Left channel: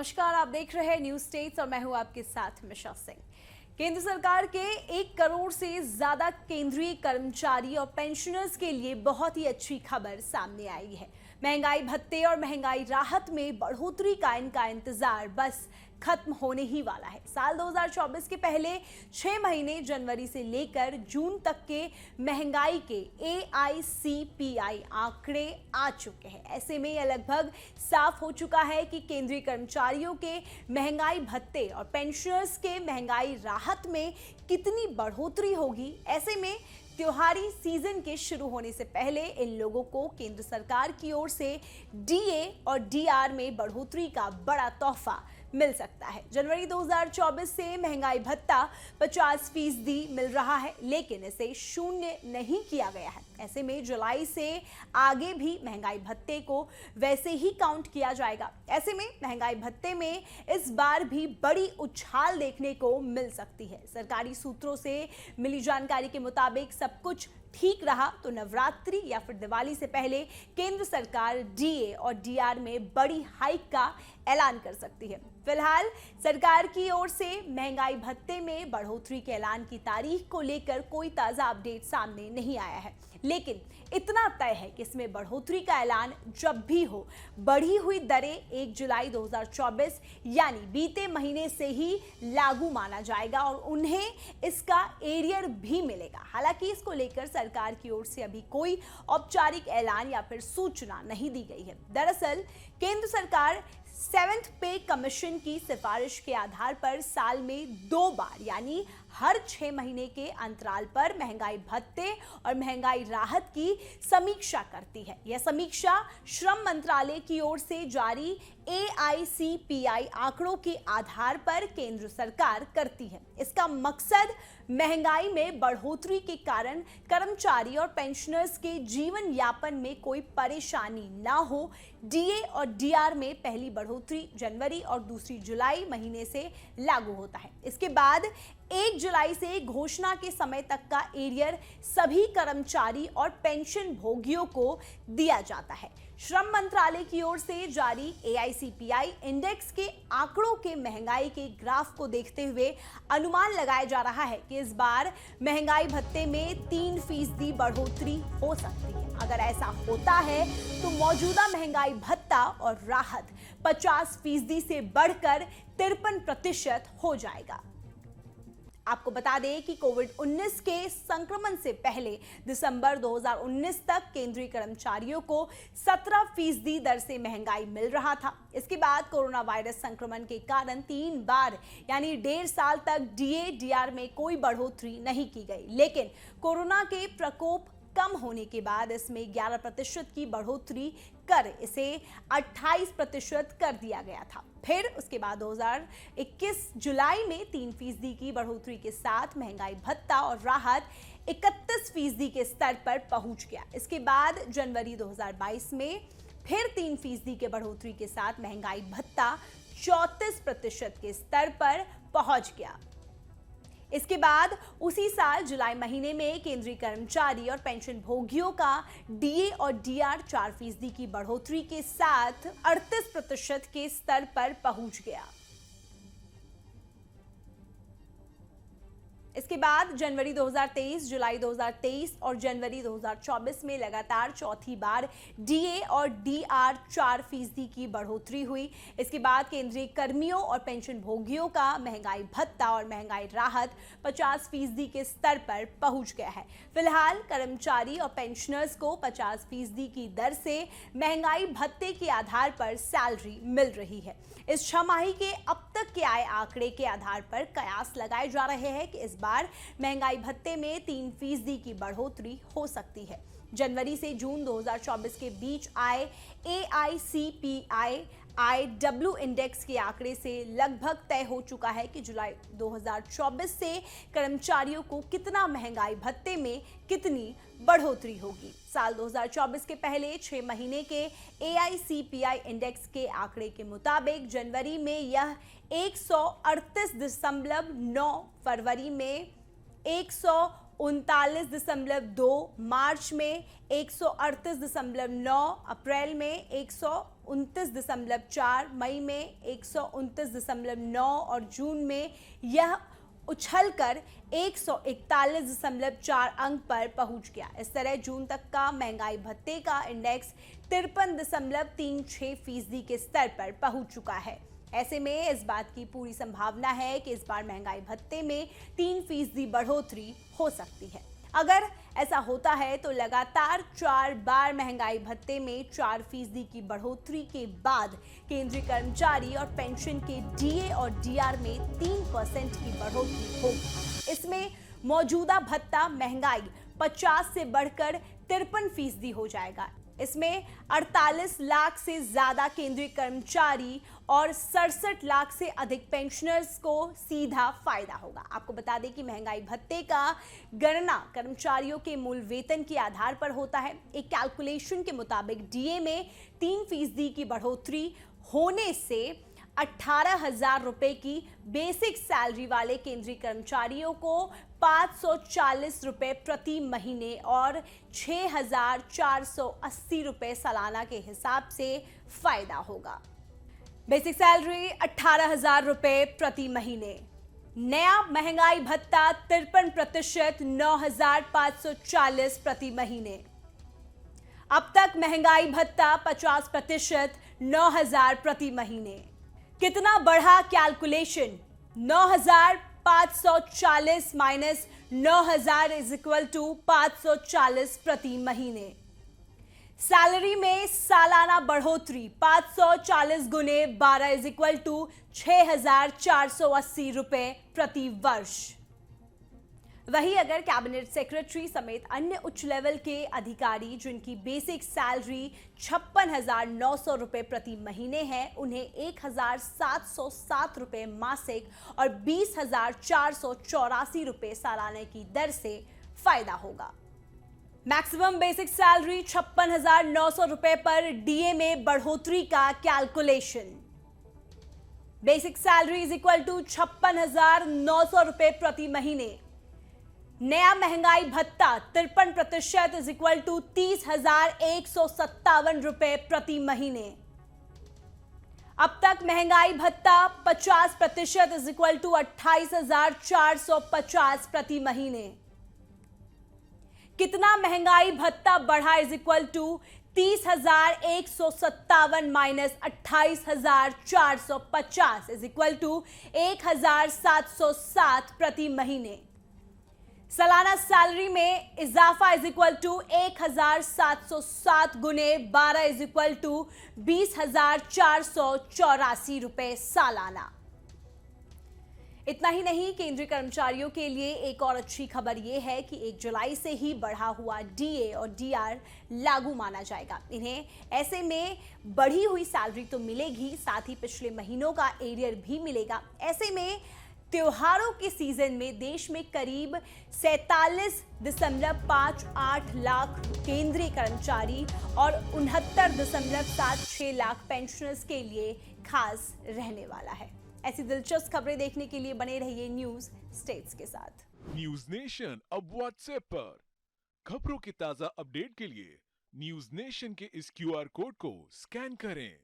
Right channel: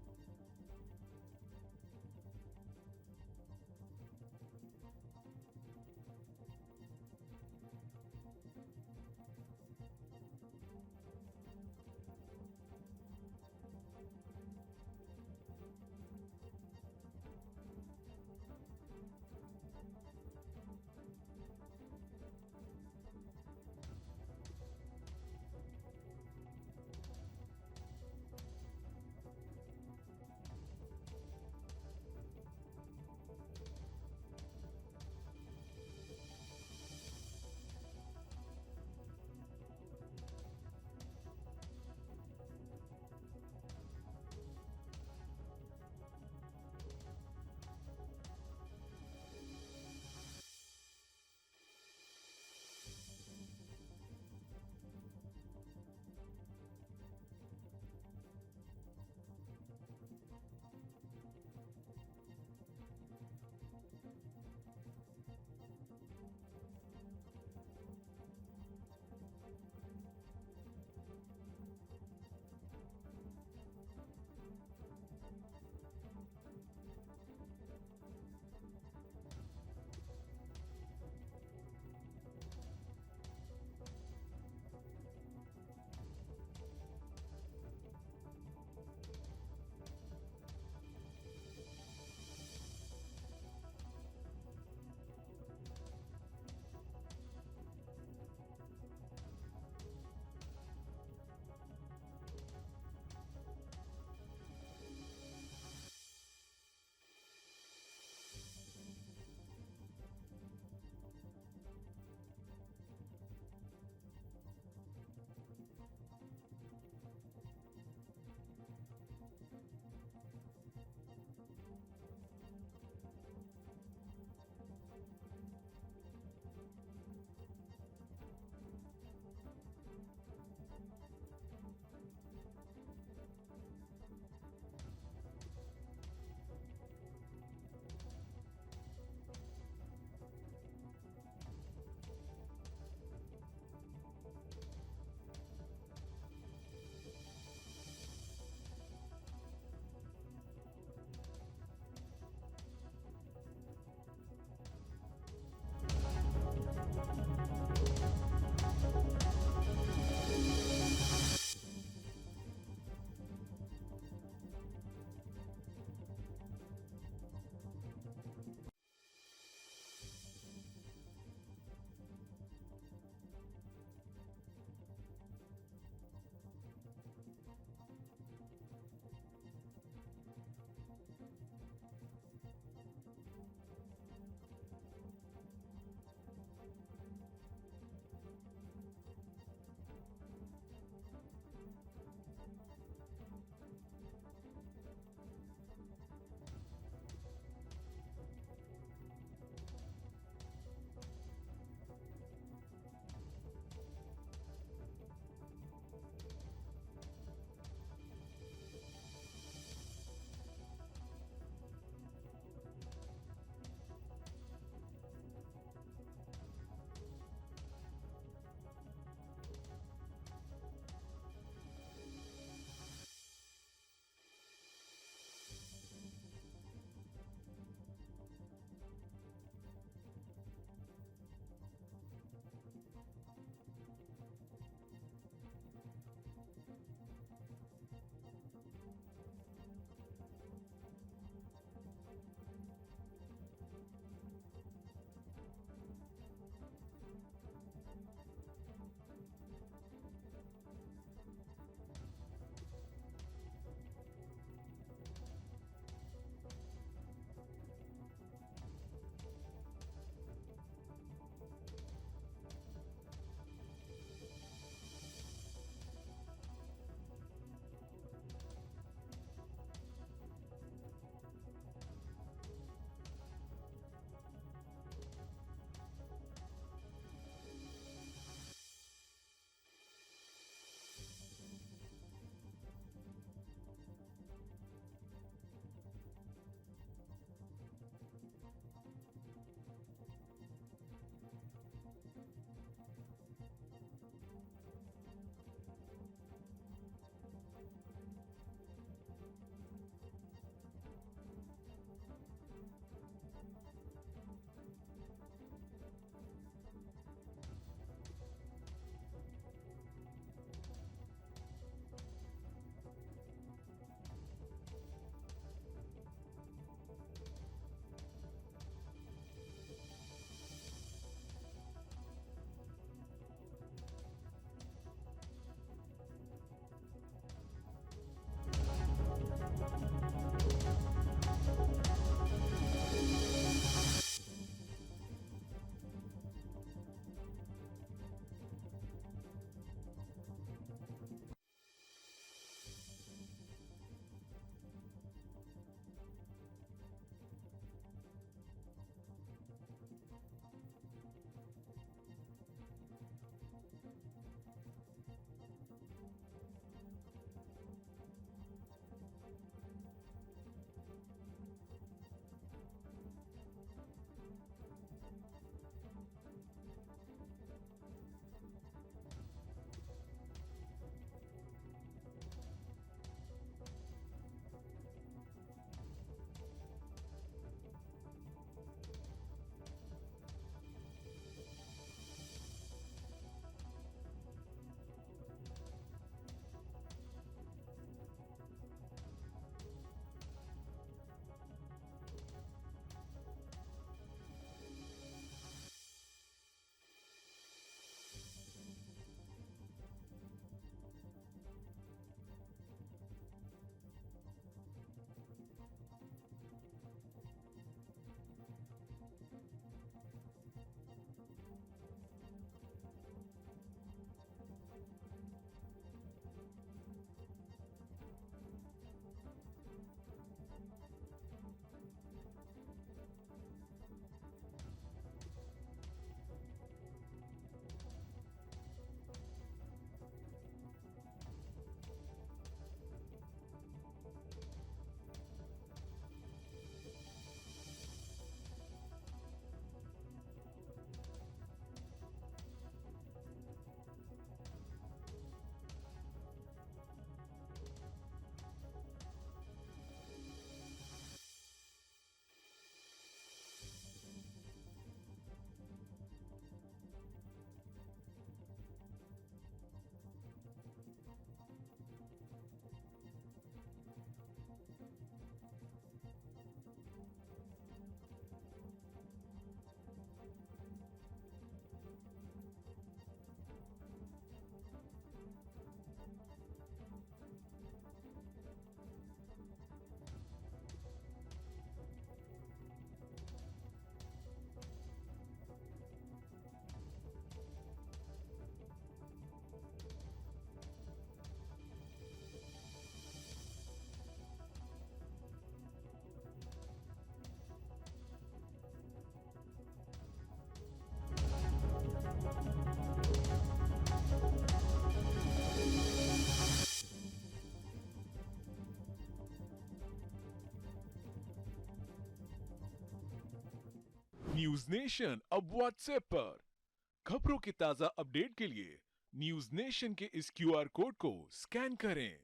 नमस्कार, आप देख रहे हैं न्यूज स्टेट्स और मैं हूं आपके साथ मिशा सिंह। केंद्र सरकार के 1 करोड़ से ज्यादा केंद्रीय कर्मचारी और पेंशनर्स के लिए बहुत ही अच्छी खबर सामने आई है। महंगाई भत्ते और महंगाई राहत में बढ़ोतरी का इनका इंतजार बस खत्म होने ही वाला है। साल 2024 के पहले 6 महीने जनवरी से लेकर जून तक के महंगाई के AICPI आंकड़े आ चुके हैं। ऐसे में यह लगभग साफ हो चुका है कि केंद्रीय कर्मचारियों के महंगाई भत्ते और पेंशनर्स के महंगाई राहत में कितनी बढ़ोतरी होगी। ऐसे में त्योहारी सीजन के शुरू होने से पहले इन लोगों को केंद्र सरकार की ओर से DA और DR में बढ़ोतरी का बड़ा तोहफा मिल सकता है। जनवरी 2024 से महंगाई भत्ता 50% मिल रहा है, लेकिन इसे शून्य नहीं किया गया है। ऐसे में जुलाई से आगे भी महंगाई भत्ते को वैसे ही काउंट किया जाएगा। ऐसे में महंगाई भत्ते में इस बार भी बड़ी उछाल देखने को मिल सकती है। सरकारी सूत्रों से मिली जानकारी के मुताबिक सब कुछ ठीक रहा तो नवरात्रि या फिर दिवाली से पहले केंद्र सरकार DA और DR में बड़ी हाइक का ऐलान कर सकती है। फिलहाल सरकार की ओर से महंगाई भत्ते में बढ़ोतरी के ऐलान की तारीख को लेकर कोई ताजा अपडेट सामने नहीं आया है, लेकिन इतना तय है कि इसमें बढ़ोतरी का ऐलान जब भी हो, बढ़ी हुई दरें 1 जुलाई 2024 यानी बीते महीने से ही लागू माना जाएगा और उन्हें इसका एरियर भी मिलेगा। हालांकि इसको लेकर सरकार की ओर से अभी कोई औपचारिक ऐलान या फिर सूचना नहीं दी गई है। दरअसल केंद्र सरकार 7th पे कमीशन की सिफारिश के आधार पर साल में 2 बार यानी हर 6 महीने के अंतराल पर महंगाई भत्ते और महंगाई राहत की समीक्षा करती है। यह समीक्षा श्रम मंत्रालय की ओर से जारी AICPI आंकड़ों के आधार पर केंद्र सरकार करती है। इसका मकसद महंगाई में बढ़ोतरी के कारण कर्मचारी और पेंशनर्स के जीवन यापन में कोई परेशानी ना हो। DA और DR में पहली बढ़ोतरी जनवरी और दूसरी जुलाई महीने से लागू होता है। इसके बाद 1 जुलाई से घोषणा के समय तक का एरियर सभी कर्मचारी और पेंशन भोगियों को दिया जाता है। श्रम मंत्रालय की ओर से जारी AICPI इंडेक्स के आंकड़ों के महंगाई के ग्राफ को देखते हुए अनुमान लगाया जा रहा है कि इस बार महंगाई भत्ते में 3% बढ़ोतरी हो सकती है। अगर ऐसा होता है तो मौजूदा महंगाई भत्ता और राहत 50% से बढ़कर 53% हो जाएगा। आपको बता दें कि कोविड-19 के संक्रमण से पहले दिसंबर 2019 तक केंद्रीय कर्मचारियों को 17% दर से महंगाई मिल रहा था। इसके बाद कोरोना वायरस संक्रमण के कारण 3 बार यानी 1.5 साल तक DA DR में कोई बढ़ोतरी नहीं की गई, लेकिन कोरोना के प्रकोप कम होने के बाद इसमें 11% की बढ़ोतरी कर इसे 28% कर दिया गया था। फिर उसके बाद 2021 जुलाई में 3% की बढ़ोतरी के साथ महंगाई भत्ता और राहत 31% के स्तर पर पहुंच गया। इसके बाद जनवरी 2022 में फिर 3% के बढ़ोतरी के साथ महंगाई भत्ता 34% के स्तर पर पहुंच गया। इसके बाद उसी साल जुलाई महीने में केंद्रीय कर्मचारी और पेंशन भोगियों का DA और DR 4% की बढ़ोतरी के साथ 38% के स्तर पर पहुंच गया। इसके बाद जनवरी 2023, जुलाई 2023 और जनवरी 2024 में लगातार चौथी बार DA और DR 4% की बढ़ोतरी हुई। इसके बाद केंद्रीय कर्मियों और पेंशन भोगियों का महंगाई भत्ता और महंगाई राहत 50% के स्तर पर पहुंच गया है। फिलहाल कर्मचारी और पेंशनर्स को 50% की दर से महंगाई भत्ते के आधार पर सैलरी मिल रही है। इस छमाही के अब तक के आए आंकड़े के आधार पर कयास लगाए जा रहे हैं कि इस बार महंगाई भत्ते में 3% की बढ़ोतरी हो सकती है। जनवरी से जून 2024 के बीच आए AICPI IW इंडेक्स के आंकड़े से लगभग तय हो चुका है कि जुलाई 2024 से कर्मचारियों को कितना महंगाई भत्ते में कितनी बढ़ोतरी होगी। साल 2024 के पहले 6 महीने के AICPI इंडेक्स के आंकड़े के मुताबिक जनवरी में यह 138.9, फरवरी में 139.2, मार्च में 138.9, अप्रैल में 129.4, मई में 129 129.9 और जून में यह उछलकर 141.4 अंक पर पहुंच गया। इस तरह जून तक का महंगाई भत्ते का इंडेक्स 53.36% के स्तर पर पहुंच चुका है। ऐसे में इस बात की पूरी संभावना है कि इस बार महंगाई भत्ते में 3% बढ़ोतरी हो सकती है। अगर ऐसा होता है तो लगातार 4 बार महंगाई भत्ते में 4% की बढ़ोतरी के बाद केंद्रीय कर्मचारी और पेंशन के डीए और डीआर में 3% की बढ़ोतरी होगी। इसमें मौजूदा भत्ता महंगाई 50 से बढ़कर 53% हो जाएगा। इसमें 48 लाख से ज्यादा केंद्रीय कर्मचारी और 67 लाख से अधिक पेंशनर्स को सीधा फायदा होगा। आपको बता दें कि महंगाई भत्ते का गणना कर्मचारियों के मूल वेतन के आधार पर होता है। एक कैलकुलेशन के मुताबिक डीए में 3% की बढ़ोतरी होने से 18,000 रुपए की बेसिक सैलरी वाले केंद्रीय कर्मचारियों को 540 रुपए प्रति महीने और 6,480 रुपए सालाना के हिसाब से फायदा होगा। बेसिक सैलरी 18,000 रुपए प्रति महीने। नया महंगाई भत्ता 53% 9,540 प्रति महीने। अब तक महंगाई भत्ता 50% 9,000 प्रति महीने। कितना बढ़ा calculation? 9,540 minus 9,000 is equal to 540 प्रति महीने। सैलरी में सालाना बढ़ोतरी 540 गुने 12 इज इक्वल टू 6,480 रुपए प्रति वर्ष। वहीं अगर कैबिनेट सेक्रेटरी समेत अन्य उच्च लेवल के अधिकारी जिनकी बेसिक सैलरी 56,900 रुपए प्रति महीने है, उन्हें 1,707 रुपए मासिक और 20,484 रुपए सालाने की दर से फायदा होगा। मैक्सिमम बेसिक सैलरी 56,900 रुपए पर डीए में बढ़ोतरी का calculation. Basic salary is equal to 56,900 रुपए प्रति महीने। नया महंगाई भत्ता 53% इज इक्वल टू 30,157 रुपए प्रति महीने। अब तक महंगाई भत्ता 50% इज इक्वल टू 28,450 प्रति महीने। कितना महंगाई भत्ता बढ़ा is equal to 30,157 minus 28,450 is equal to 1,707 प्रति महीने। सालाना सैलरी में इजाफा इज इक्वल टू 1,707 गुने 12 इज इक्वल टू 20,484 रुपए सालाना। इतना ही नहीं, केंद्रीय कर्मचारियों के लिए एक और अच्छी खबर यह है कि 1 जुलाई से ही बढ़ा हुआ डीए और डीआर लागू माना जाएगा। इन्हें ऐसे में बढ़ी हुई सैलरी तो मिलेगी, साथ ही पिछले महीनों का एरियर भी मिलेगा। ऐसे में त्योहारों के सीजन में देश में करीब 47.58 लाख केंद्रीय कर्मचारी और 69.76 लाख पेंशनर्स के लिए खास रहने वाला है। ऐसी दिलचस्प खबरें देखने के लिए बने रहिए न्यूज स्टेट्स के साथ। न्यूज नेशन अब व्हाट्सएप पर खबरों की ताजा अपडेट के लिए न्यूज नेशन के इस क्यूआर कोड को स्कैन करें।